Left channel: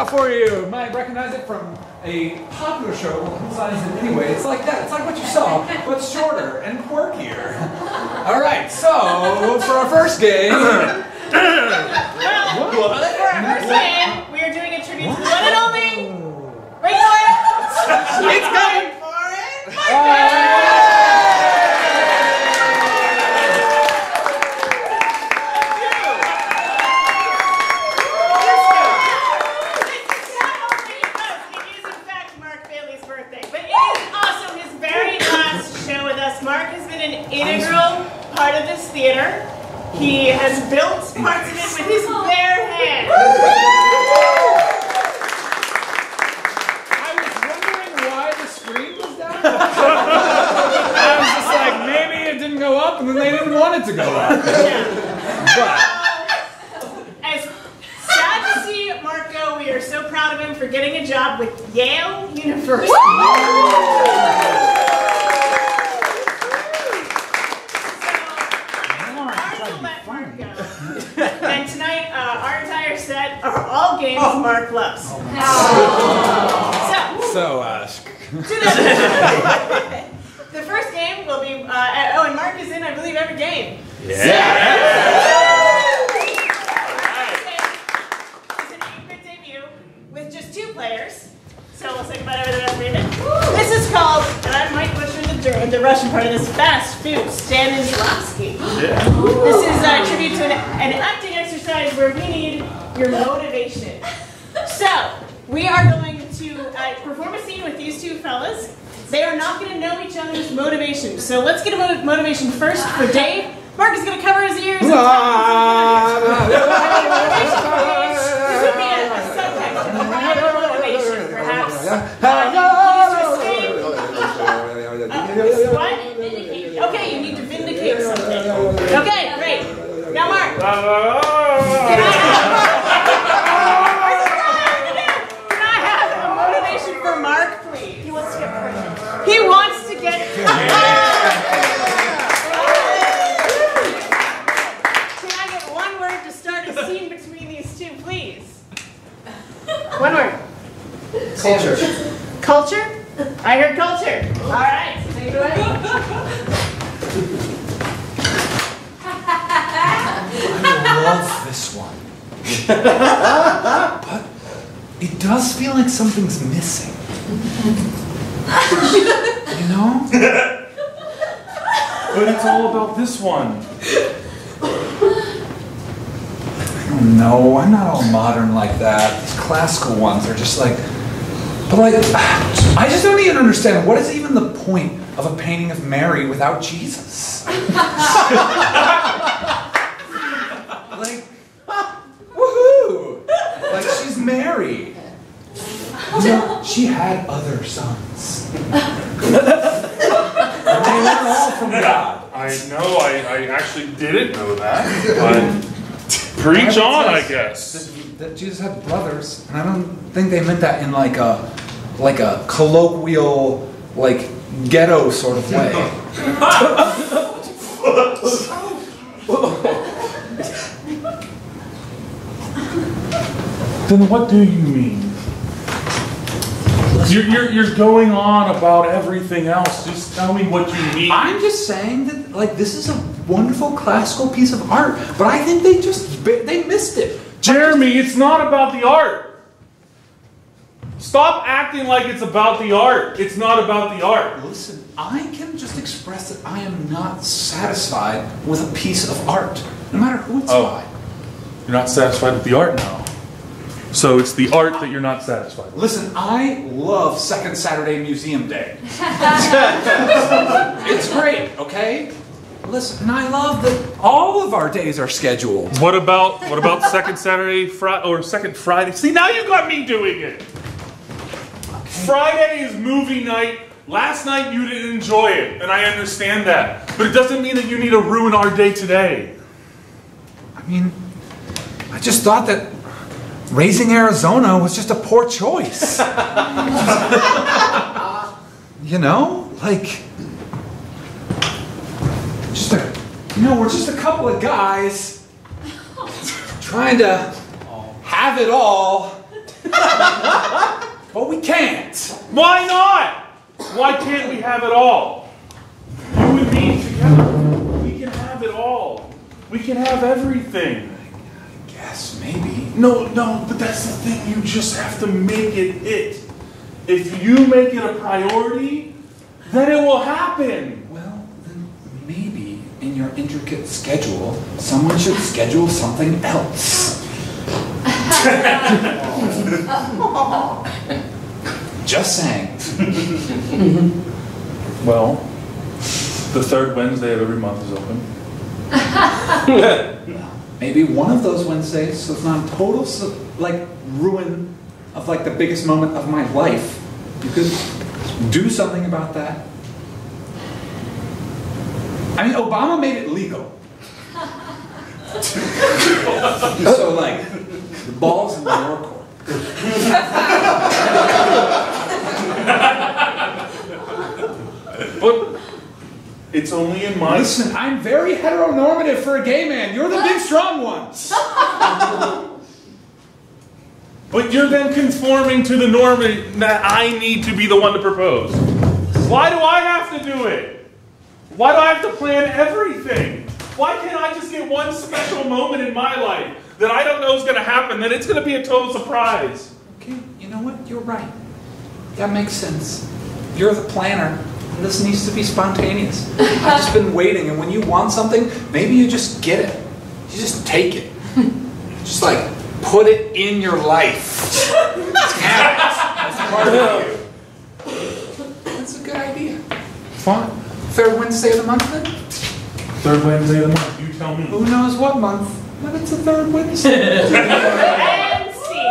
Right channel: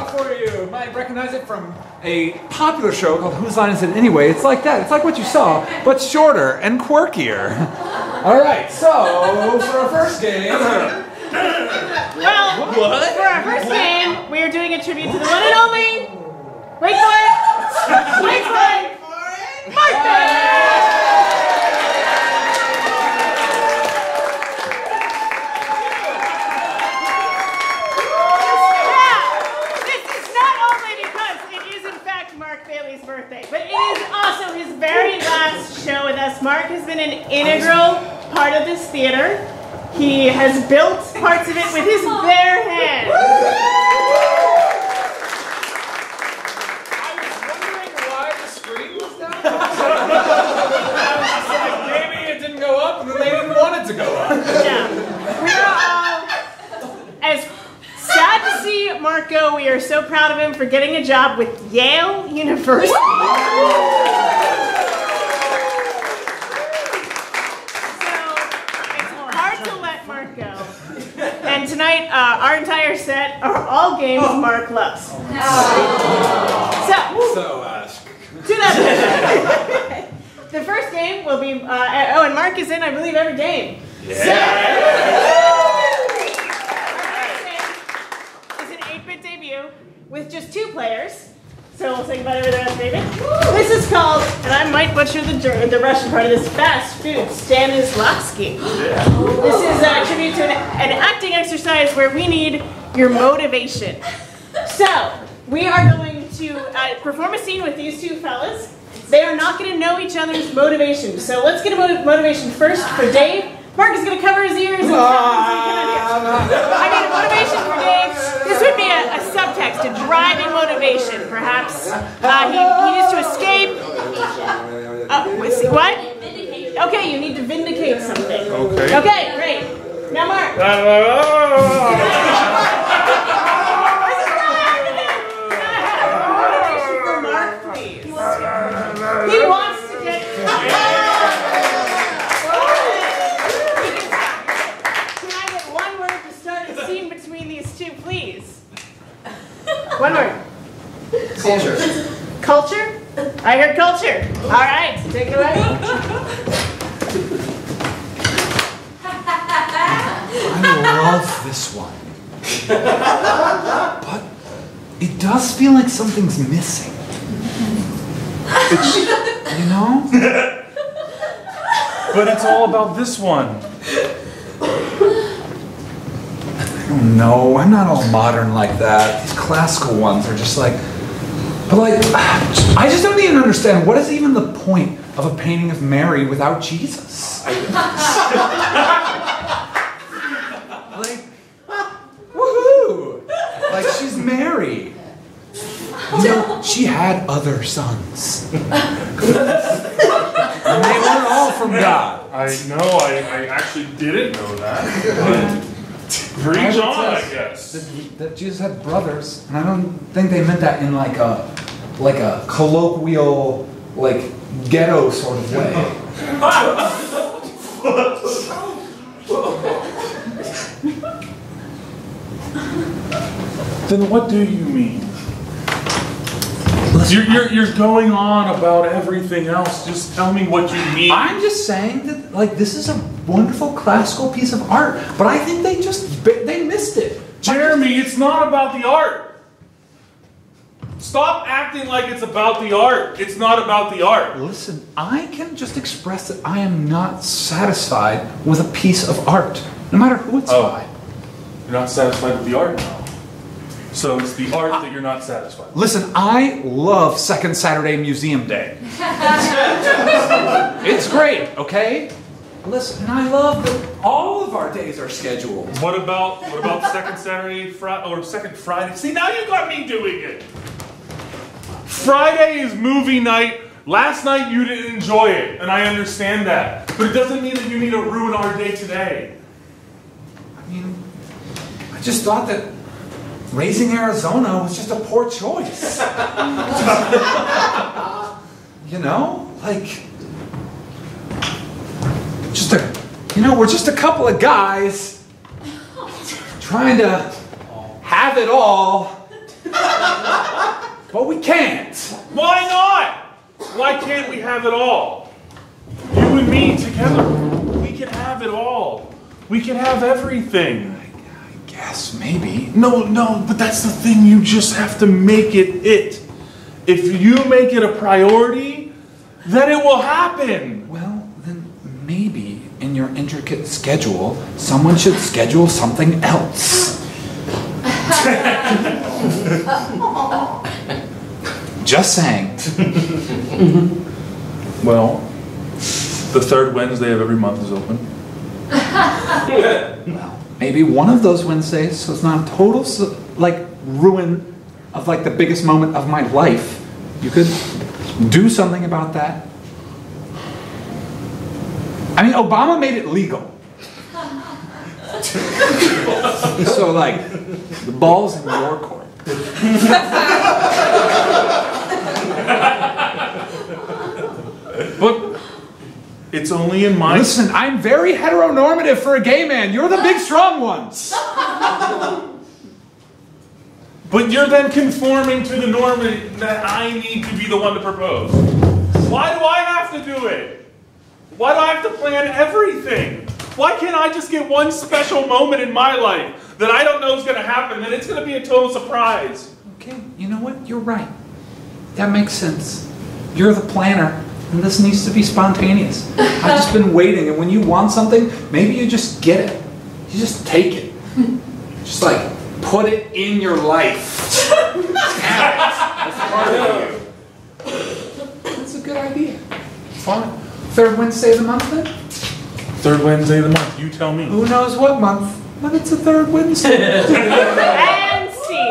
out for you. You might recognize it from a popular show called Whose Line Is It Anyway? It's like that. It's like what you saw, but shorter and quirkier. All right, so for our first game... Well, for our first game, we are doing a tribute to the one and only... Wait for it! Wait for it! Mark has been an integral part of this theater. He has built parts of it with his bare hands. I was wondering why the screen was down. I was just like, maybe it didn't go up, and then they didn't want it to go up. Yeah. As sad to see Mark go, we are so proud of him for getting a job with Yale University. And tonight, our entire set are all games Mark loves. To that the first game will be, and Mark is in, I believe, every game. Yeah. It's an 8-bit debut with just 2 players. So we'll say goodbye to the rest, David. This is called, and I might butcher the Russian part of this, fast food Stanislavski. This is a tribute to an acting exercise where we need your motivation. So, we are going to perform a scene with these 2 fellas. They are not going to know each other's motivation. So let's get a motivation first for Dave. Mark is going to cover his ears and motivation for Dave. This would be a subtext, a driving motivation, perhaps. He needs to escape. What? Okay, you need to vindicate something. Okay, great. Now, Mark. Can I have motivation for Mark, please? He wants to get. Can I get one word to start a scene between these 2, please? One word. Culture. Culture? I heard culture. All right, take it away. I love this one. But it does feel like something's missing. You know? But it's all about this one. I don't know. I'm not all modern like that. These classical ones are just like... But like, I just don't even understand. What is even the point of a painting of Mary without Jesus? Like, woohoo! Like, she's Mary. You know, she had other sons. And they weren't all from God. I know, I actually didn't know that. But preach on, I guess. That Jesus had brothers, and I don't think they meant that in like a colloquial, like ghetto sort of way. Then what do you mean? You're going on about everything else. Just tell me what you mean. I'm just saying that, like, this is a wonderful classical piece of art, but I think they missed it. Jeremy, it's not about the art. Stop acting like it's about the art. It's not about the art. Listen, I can just express that I am not satisfied with a piece of art, no matter who it's by. You're not satisfied with the art now. So it's the art that you're not satisfied with. Listen, I love Second Saturday Museum Day. It's great, okay? Listen, and I love that all of our days are scheduled. What about second Saturday or second Friday? See, now you got me doing it. Friday is movie night. Last night you didn't enjoy it, and I understand that. But it doesn't mean that you need to ruin our day today. I mean, I just thought that raising Arizona was just a poor choice. You know, like, we're just a couple of guys trying to have it all Well, we can't. Why not? Why can't we have it all? You and me together. We can have it all. We can have everything. I guess, maybe. No, but that's the thing. You just have to make it it. If you make it a priority, then it will happen. Well, then maybe in your intricate schedule, someone should schedule something else. Just saying. Well, the third Wednesday of every month is open. Well, maybe one of those Wednesdays, so it's not a total ruin of the biggest moment of my life. You could do something about that. I mean, Obama made it legal. So the ball's in your court. But it's only in my... Listen, I'm very heteronormative for a gay man. You're the big strong ones. But you're then conforming to the norm that I need to be the one to propose. Why do I have to do it? Why do I have to plan everything? Why can't I just get one special moment in my life that I don't know is going to happen, that it's going to be a total surprise? Okay, you know what? You're right. That makes sense. You're the planner, and this needs to be spontaneous. I've just been waiting, and when you want something, maybe you just get it. You just take it. Just put it in your life. Have it. That's part of you. That's a good idea. Fine. Third Wednesday of the month then? Third Wednesday of the month, you tell me. Who knows what month? But it's the third Wednesday. And see.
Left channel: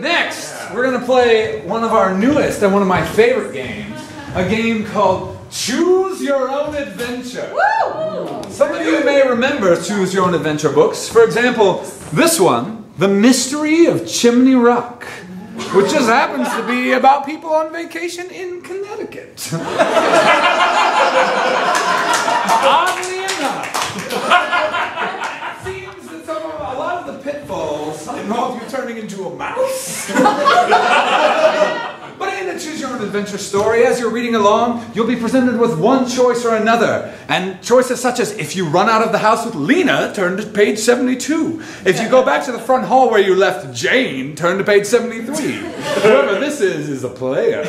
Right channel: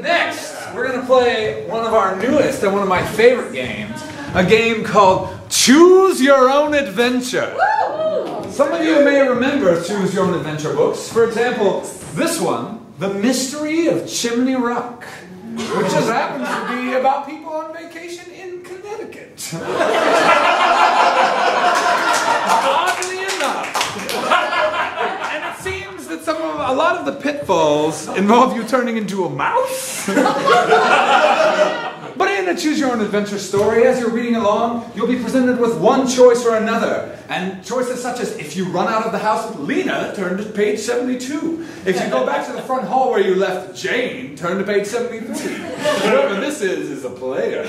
Next, we're going to play one of our newest and one of my favorite games, a game called Choose Your Own Adventure. Woo! Some of you may remember Choose Your Own Adventure books. For example, this one, The Mystery of Chimney Rock, which just happens to be about people on vacation in Connecticut. Oddly enough. And it seems that a lot of the pitfalls involve you turning into a mouse. But in a Choose Your Own Adventure story, as you're reading along, you'll be presented with one choice or another. And choices such as, if you run out of the house with Lena, turn to page 72. If you go back to the front hall where you left Jane, turn to page 73. Whoever this is a player.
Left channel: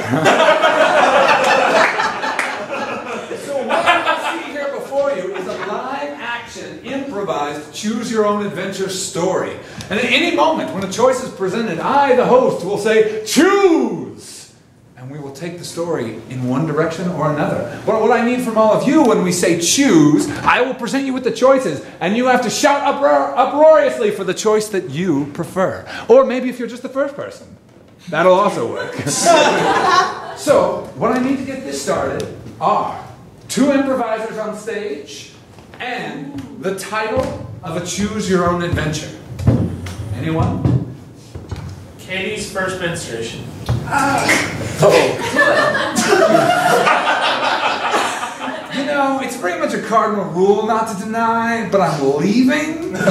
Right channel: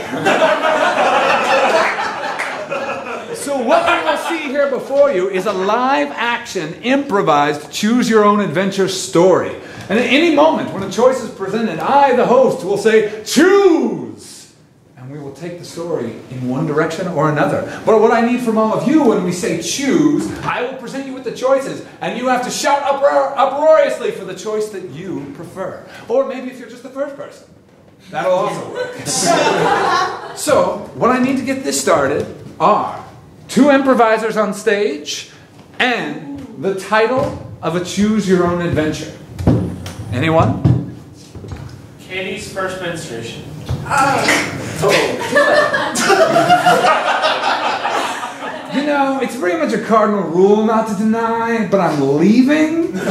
So what you will see here before you is a live-action, improvised, choose-your-own-adventure story. And at any moment when a choice is presented, I, the host, will say, choose! And we will take the story in one direction or another. But what I need from all of you when we say choose, I will present you with the choices, and you have to shout uproariously for the choice that you prefer. Or maybe if you're just the first person. That'll also work. So, what I need to get this started are 2 improvisers on stage, and the title of a Choose Your Own Adventure. Anyone? Katie's first menstruation. You know, it's pretty much a cardinal rule not to deny, but I'm leaving. I'm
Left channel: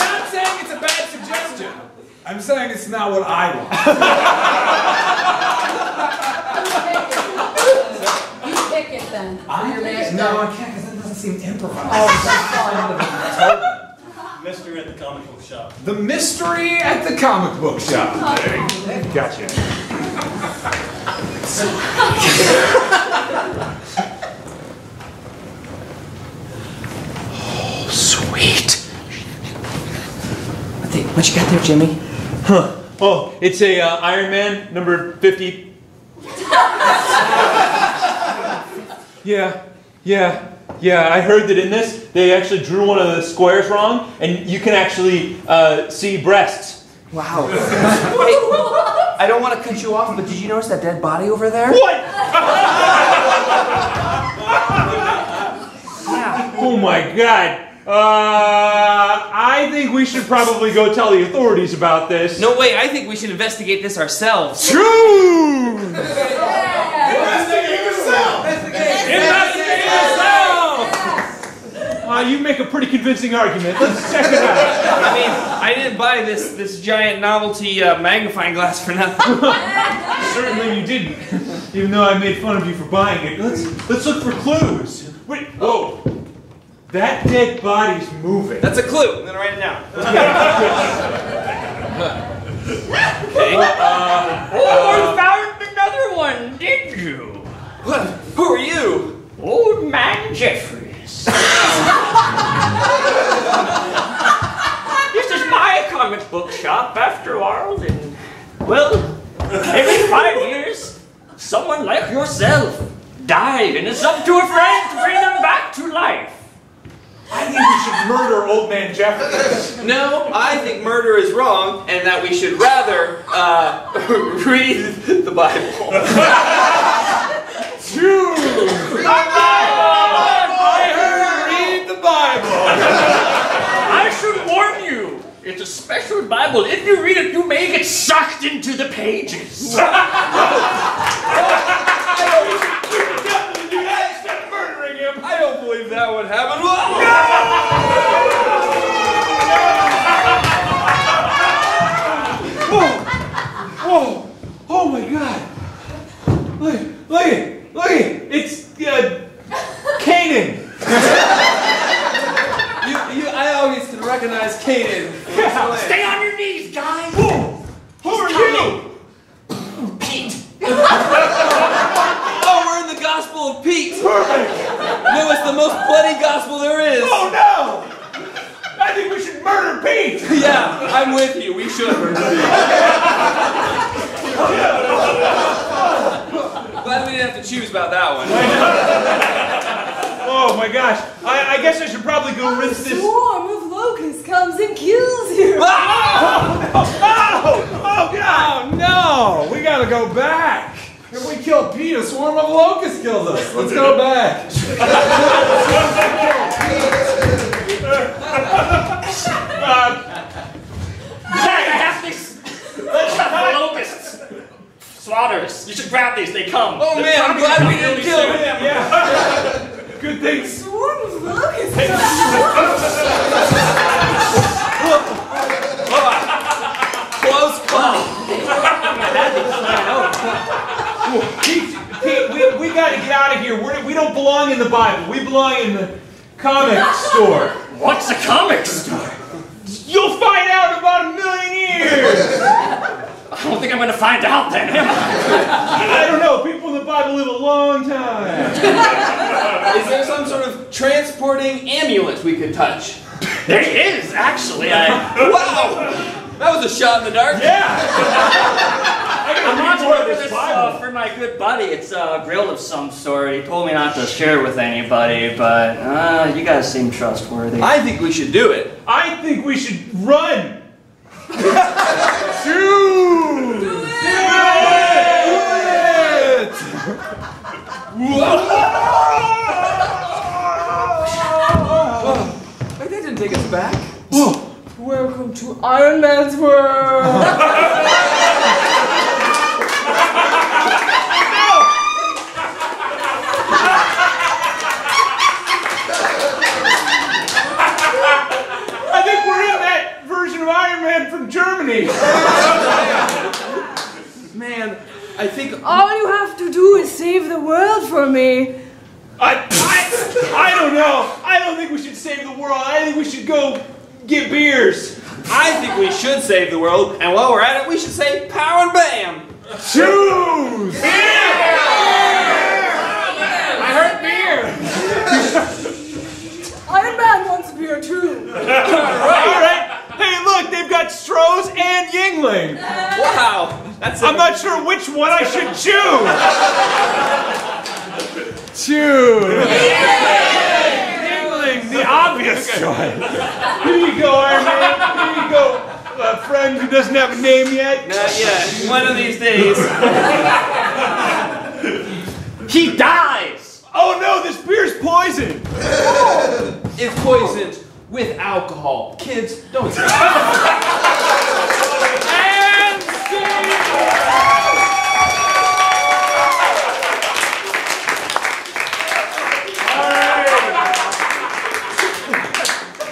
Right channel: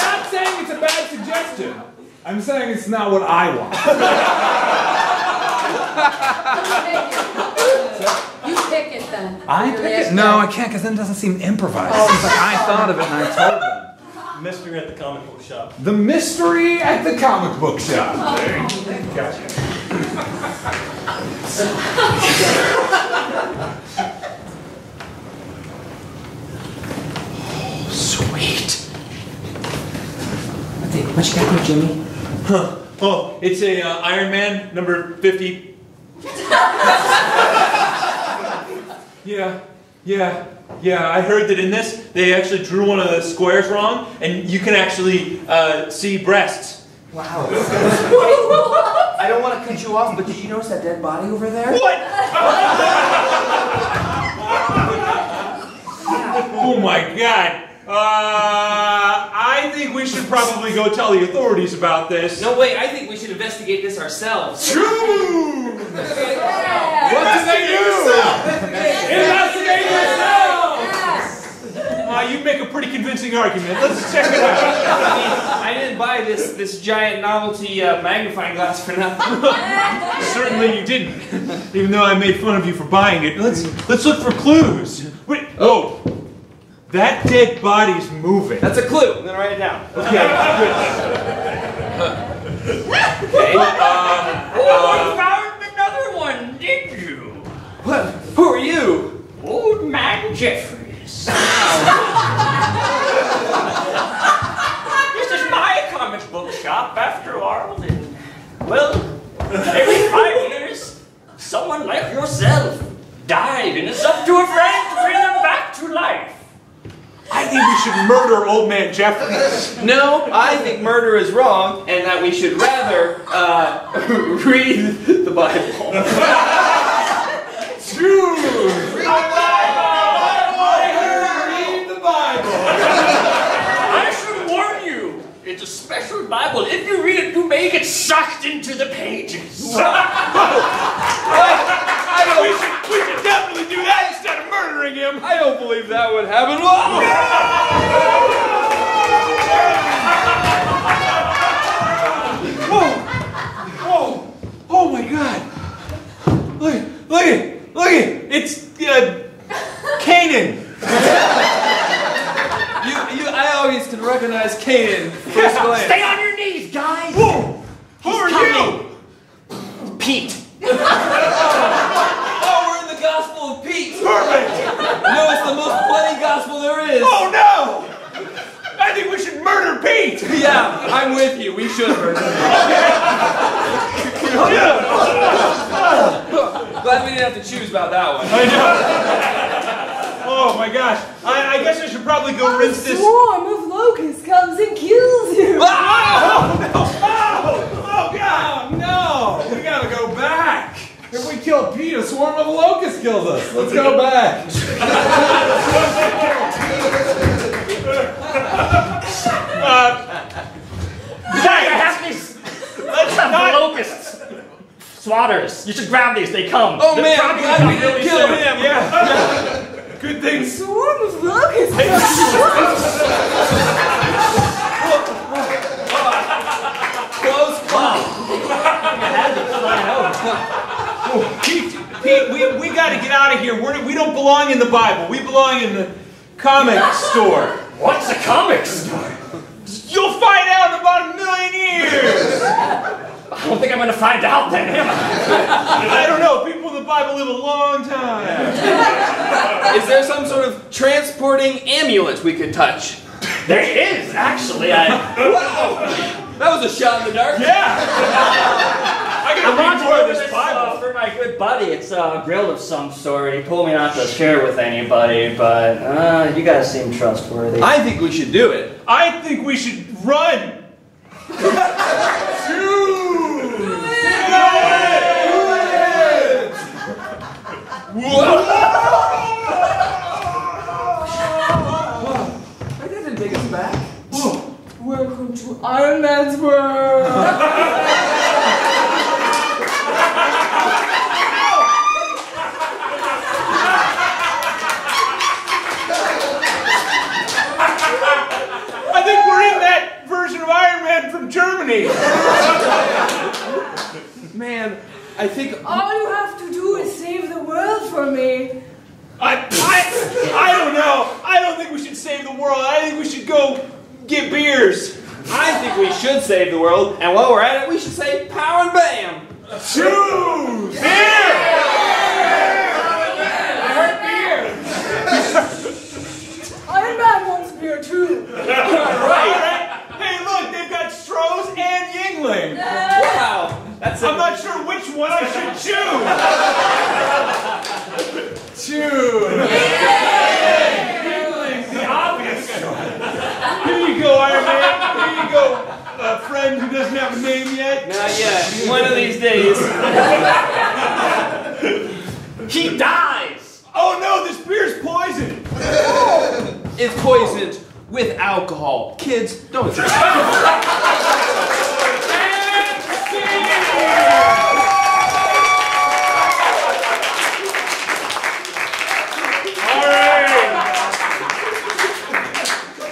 not saying it's a bad suggestion. I'm saying it's not what I want. You pick it then. I pick it? No, I can't, because then it doesn't seem improvised. I thought of it and I told them. Mystery at the comic book shop. The Mystery at the Comic Book Shop. Gotcha. Oh, sweet. What you got there, Jimmy? Huh. Oh, it's a Iron Man number 50. Yeah, I heard that in this, they actually drew one of the squares wrong, and you can actually see breasts. Wow. Hey, I don't want to cut you off, but did you notice that dead body over there? What? Oh my God. I think we should probably go tell the authorities about this. No way, I think we should investigate this ourselves. True! Investigate yourself! Investigate yourself! You make a pretty convincing argument. Let's check it out. I mean, I didn't buy this giant novelty magnifying glass for nothing. Certainly you didn't. Even though I made fun of you for buying it. Let's look for clues. Wait, oh! That dead body's moving. That's a clue. I'm gonna write it down. Okay. Okay. Oh, you found another one, did you? What? Who are you? Old man Jeffries. This is my comic book shop after all, and, well, every 5 years, someone like yourself died, and it's up to a friend to bring them back to life. I think we should murder old man Jeffries. No, I think murder is wrong, and that we should rather read the Bible. True! I should warn you, it's a special Bible. If you read it, you may get sucked into the pages. We should definitely do that instead of murdering him. I don't believe that would happen. Whoa! Oh my God! Look it! It's Canaan. I always can recognize Canaan. Stay on your knees, guys. Whoa! Who are you? Pete. Oh, we're in the Gospel of Pete. Perfect. No, it's the most bloody gospel there is. Oh no! I think we should murder Pete. Yeah, I'm with you. We should murder Pete. Glad we didn't have to choose about that one. Oh my gosh! I guess I should probably go rinse this. A swarm of locusts comes and kills you. Oh God! Oh no! We gotta go back! If we kill Pete, a swarm of locusts kills us. Let's go back. Zach, I have these. Let's have locusts. Swatters, you should grab these. They come. Oh man, I'm glad we didn't kill him. Yeah. Good thing. Swarm of locusts. Close call. Pete, we gotta get out of here. We don't belong in the Bible. We belong in the comic store. What's a comic store? You'll find out in about 1,000,000 years. I don't think I'm going to find out then, am I? I don't know. People in the Bible live a long time. Is there some sort of transporting amulet we could touch? There is, actually. Wow! That was a shot in the dark. Yeah. I I'm gotta not read more of doing this this Bible. for my good buddy. It's a grill of some sort. He told me not to share with anybody, but you guys seem trustworthy. I think we should do it. I think we should run. Shoot! Do it! That didn't take us back. Welcome to Iron Man's world. I think we're in that version of Iron Man from Germany. Man, I think All you have to do is save the world for me. I don't know. I don't think we should save the world. I think we should go get beers. I think we should save the world, and while we're at it, we should say pow and bam. Choose! I heard beer. Iron Man wants beer too. All right. Hey, look, they've got Stroh's and Yingling. Wow, I'm not sure which one I should choose. Choose. Yingling, the obvious choice. Here you go, Iron Man. Here you go, friend who doesn't have a name yet. Not yet. One of these days. He dies. Oh no, this beer's poisoned. It's poisoned. with alcohol. Kids, don't. And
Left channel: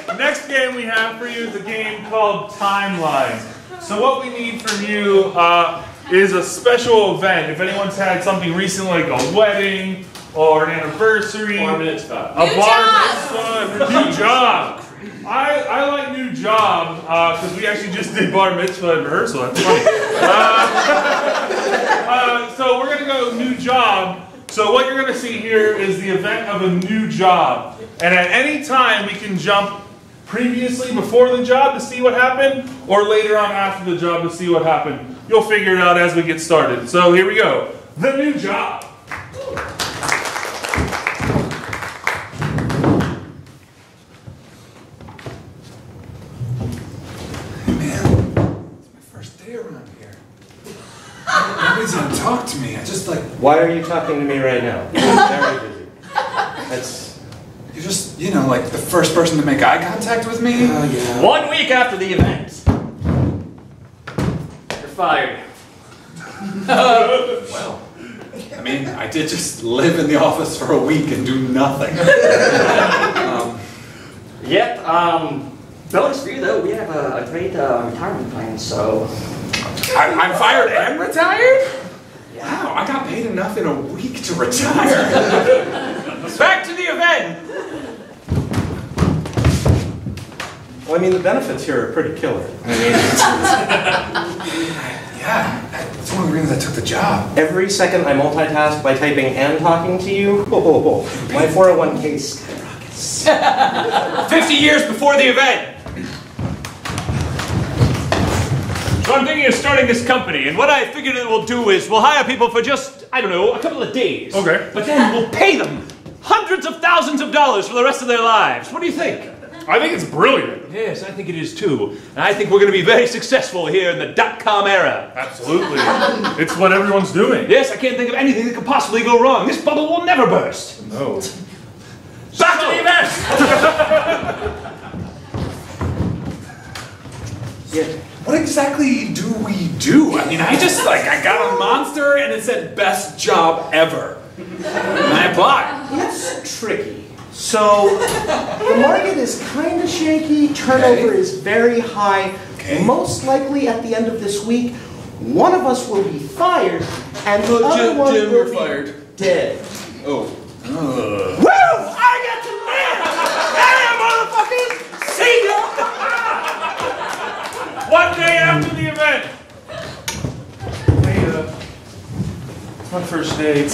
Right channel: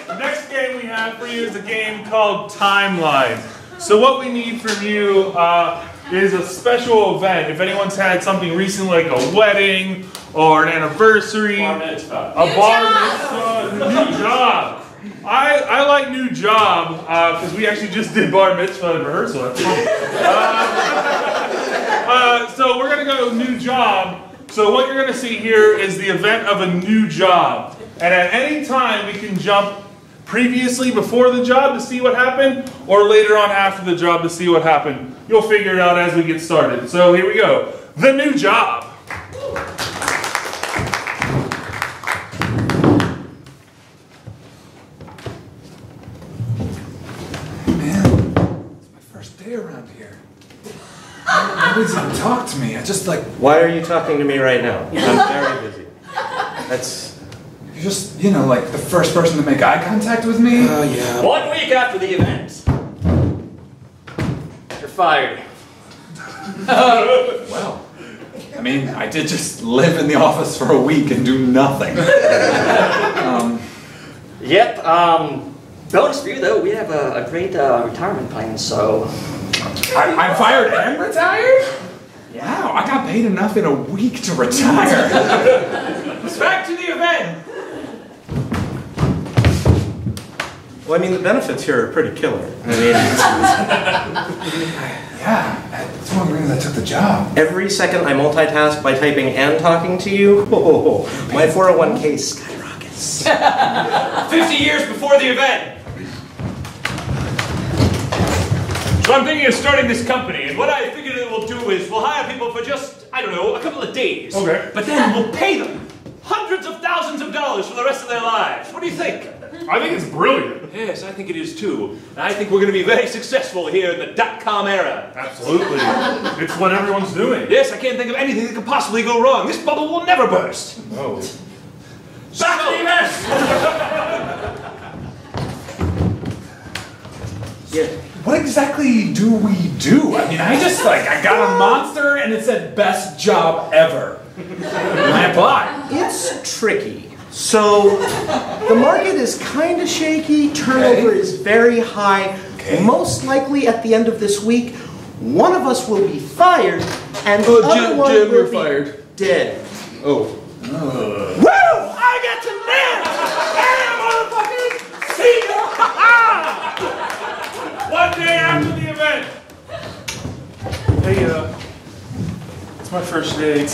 the next game we have for you is a game called Timelines. So what we need from you is a special event. If anyone's had something recent like a wedding or an anniversary, a bar mitzvah, new job. I like new job because we actually just did bar mitzvah in rehearsal. That's funny. So we're gonna go new job. So what you're gonna see here is the event of a new job, and at any time we can jump previously before the job to see what happened, or later on after the job to see what happened. You'll figure it out as we get started. So here we go. The new job. Man, it's my first day around here. Nobody's gonna talk to me. I just like... Why are you talking to me right now? I'm very busy. That's... You're just, you know, like the first person to make eye contact with me. Oh, yeah. 1 week after the event, you're fired. Well, I mean, I did just live in the office for a week and do nothing. Yep, bonus for you though, we have a great retirement plan, so... I'm fired and retired? Wow, I got paid enough in a week to retire. Back to the event. Well, I mean, the benefits here are pretty killer. I mean, Yeah, that's one of the reasons I took the job. every second I multitask by typing and talking to you, my 401k skyrockets. 50 years before the event. So I'm thinking of starting this company, and what I figured it will do is we'll hire people for just, I don't know, a couple of days. Okay. But then we'll pay them hundreds of thousands of dollars for the rest of their lives. What do you think? I think it's brilliant. Yes, I think it is too. And I think we're going to be very successful here in the dot-com era. Absolutely. It's what everyone's doing. Yes, I can't think of anything that could possibly go wrong. This bubble will never burst. No. Back to the event! Yeah. What exactly do we do? I mean, I got a monster and it said best job ever. And I applied. It's tricky. So, the market is kind of shaky, turnover is very high. Okay. Most likely at the end of this week, one of us will be fired, and the other one Jim, will you're be fired. dead. Oh. Woo! I get to live! Hey, motherfuckers! See ya! 1 day after the event. Hey, it's my first day.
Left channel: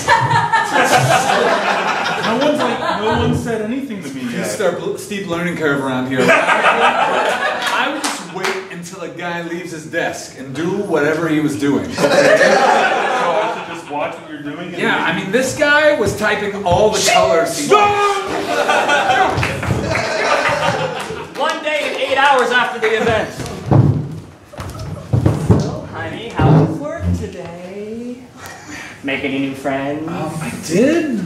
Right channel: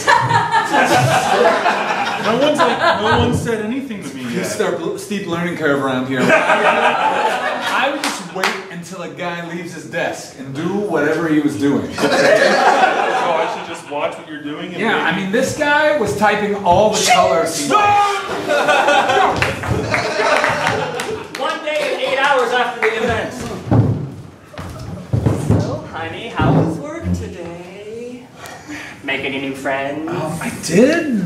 No one said anything to me You yet. start steep learning curve around here. I would just wait until a guy leaves his desk and do whatever he was doing. So I should just watch what you're doing? And Yeah, I mean, this guy was typing all the colors. 1 day and 8 hours after the event. So, honey, how was work today? Make any new friends? I did.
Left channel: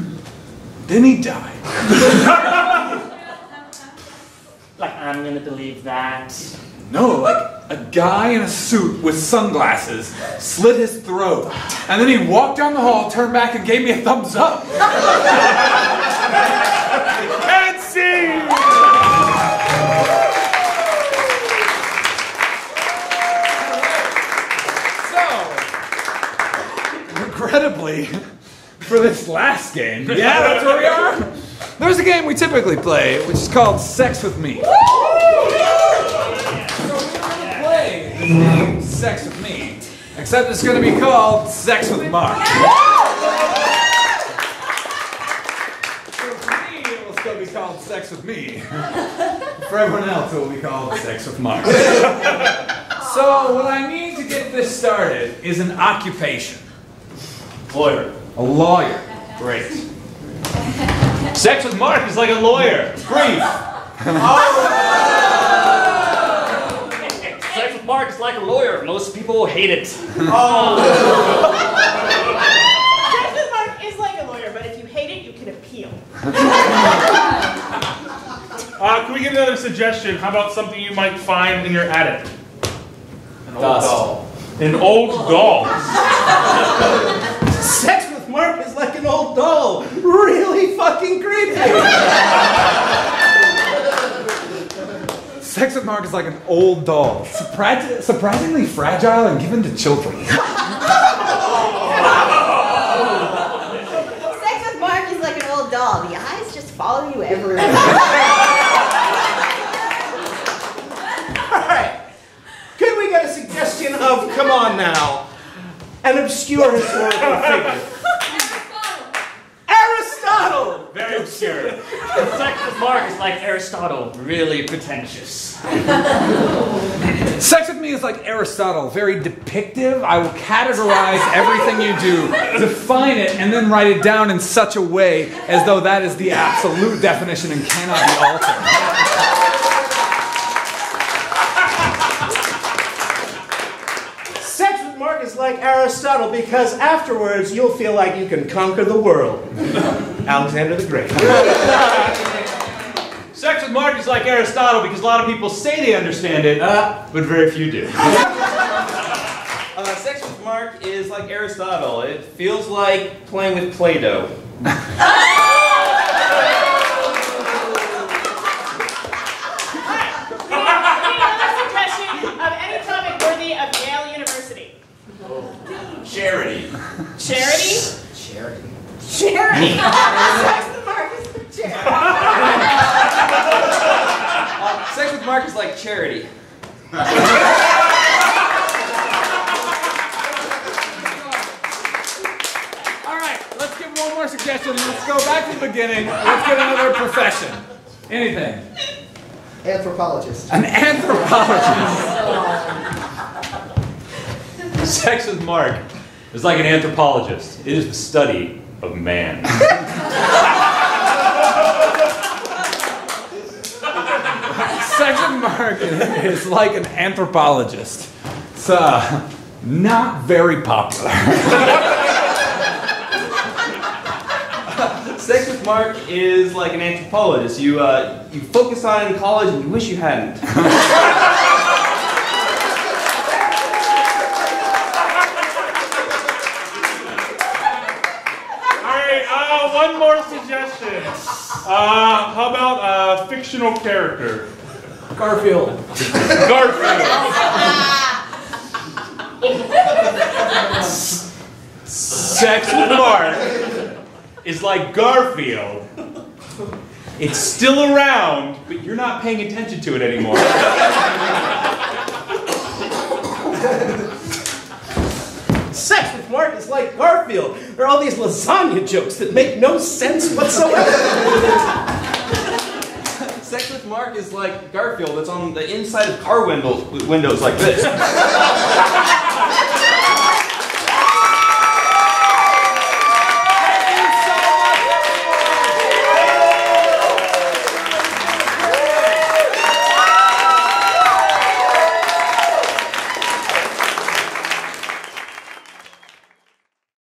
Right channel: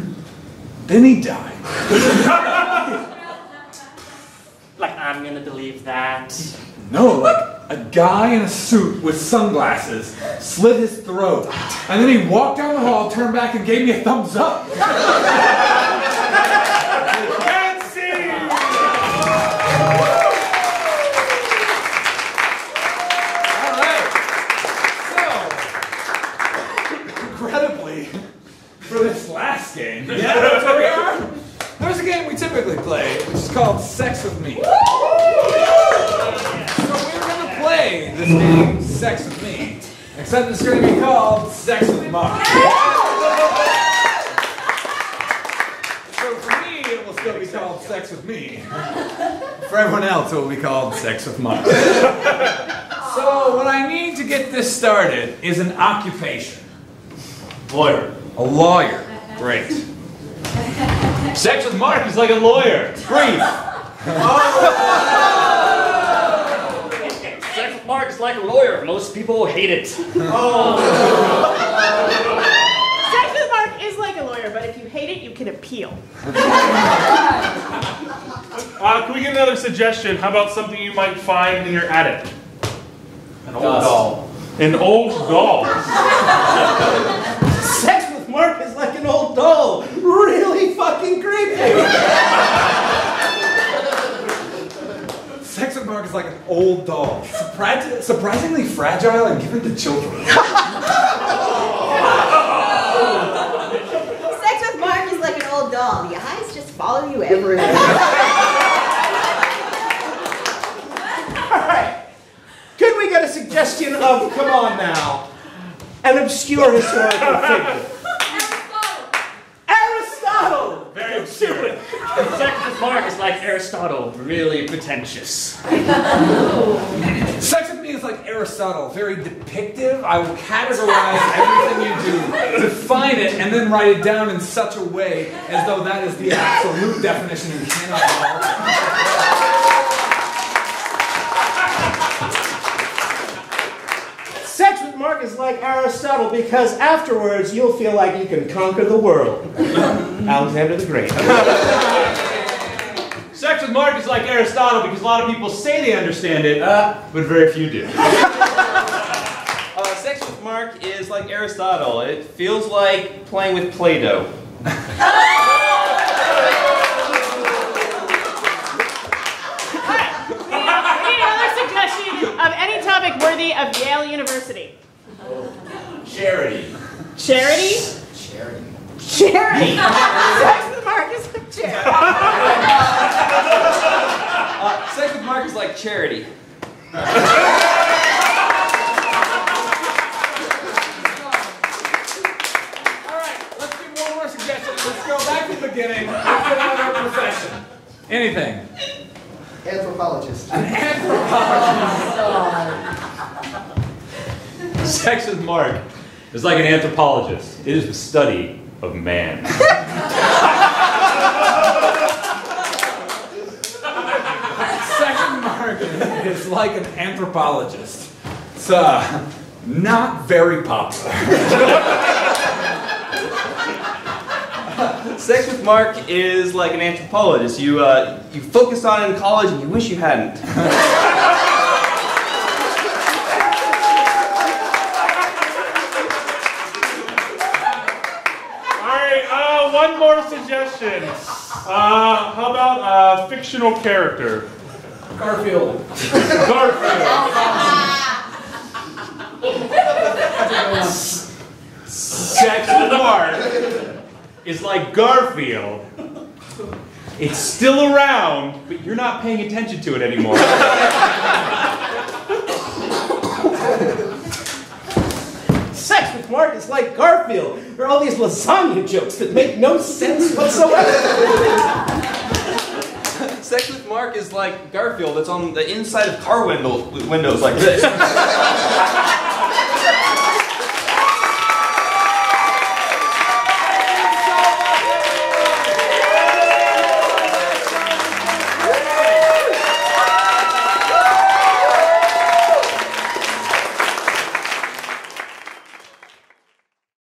Then he died. Like, I'm gonna believe that. No, like a guy in a suit with sunglasses slit his throat, and then he walked down the hall, turned back, and gave me a thumbs up. and scene! Regrettably, for this last game, yeah, that's where we are. There's a game we typically play, which is called Sex with Me. So we're gonna play this game, Sex with Me, except it's gonna be called Sex with Mark. So for me, it will still be called Sex with Me. For everyone else, it will be called Sex with Mark. So what I need to get this started is an occupation. Lawyer. A lawyer. Great. Sex with Mark is like a lawyer. Brief. Sex with Mark is like a lawyer. Most people hate it. Sex with Mark is like a lawyer, but if you hate it, you can appeal. Can we get another suggestion? How about something you might find in your attic? An old doll. An old doll. Sex with Mark is like an old doll. Really fucking creepy. Sex with Mark is like an old doll. Surprisingly fragile and given to children. Sex with Mark is like an old doll. The eyes just follow you everywhere. Alright. Could we get a suggestion of, come on now, an obscure historical figure? Aristotle! Very obscure. Sex with Mark is like Aristotle, really pretentious. Sex with me is like Aristotle, very depictive. I will categorize everything you do, define it, and then write it down in such a way as though that is the absolute definition and cannot be altered. Sex with Mark is like Aristotle because afterwards you'll feel like you can conquer the world. Alexander the Great. Sex with Mark is like Aristotle because a lot of people say they understand it, but very few do. Sex with Mark is like Aristotle. It feels like playing with Play-Doh. Of any topic worthy of Yale University. Charity. Charity? Charity. Charity. Sex with Mark is like charity. Sex with Mark is like charity. Alright, let's give one more suggestion. Let's go back to the beginning. Let's get another profession. Anything. Anthropologist. An anthropologist. Sex with Mark is like an anthropologist. It is the study of man. Sex with Mark is like an anthropologist. It's not very popular. Sex with Mark is like an anthropologist. You focus on it in college and you wish you hadn't. Alright, one more suggestion. How about a fictional character? Garfield. Garfield. Sex with Mark is like Garfield. It's still around, but you're not paying attention to it anymore. Sex with Mark is like Garfield. There are all these lasagna jokes that make no sense whatsoever. Sex with Mark is like Garfield that's on the inside of car windows like this.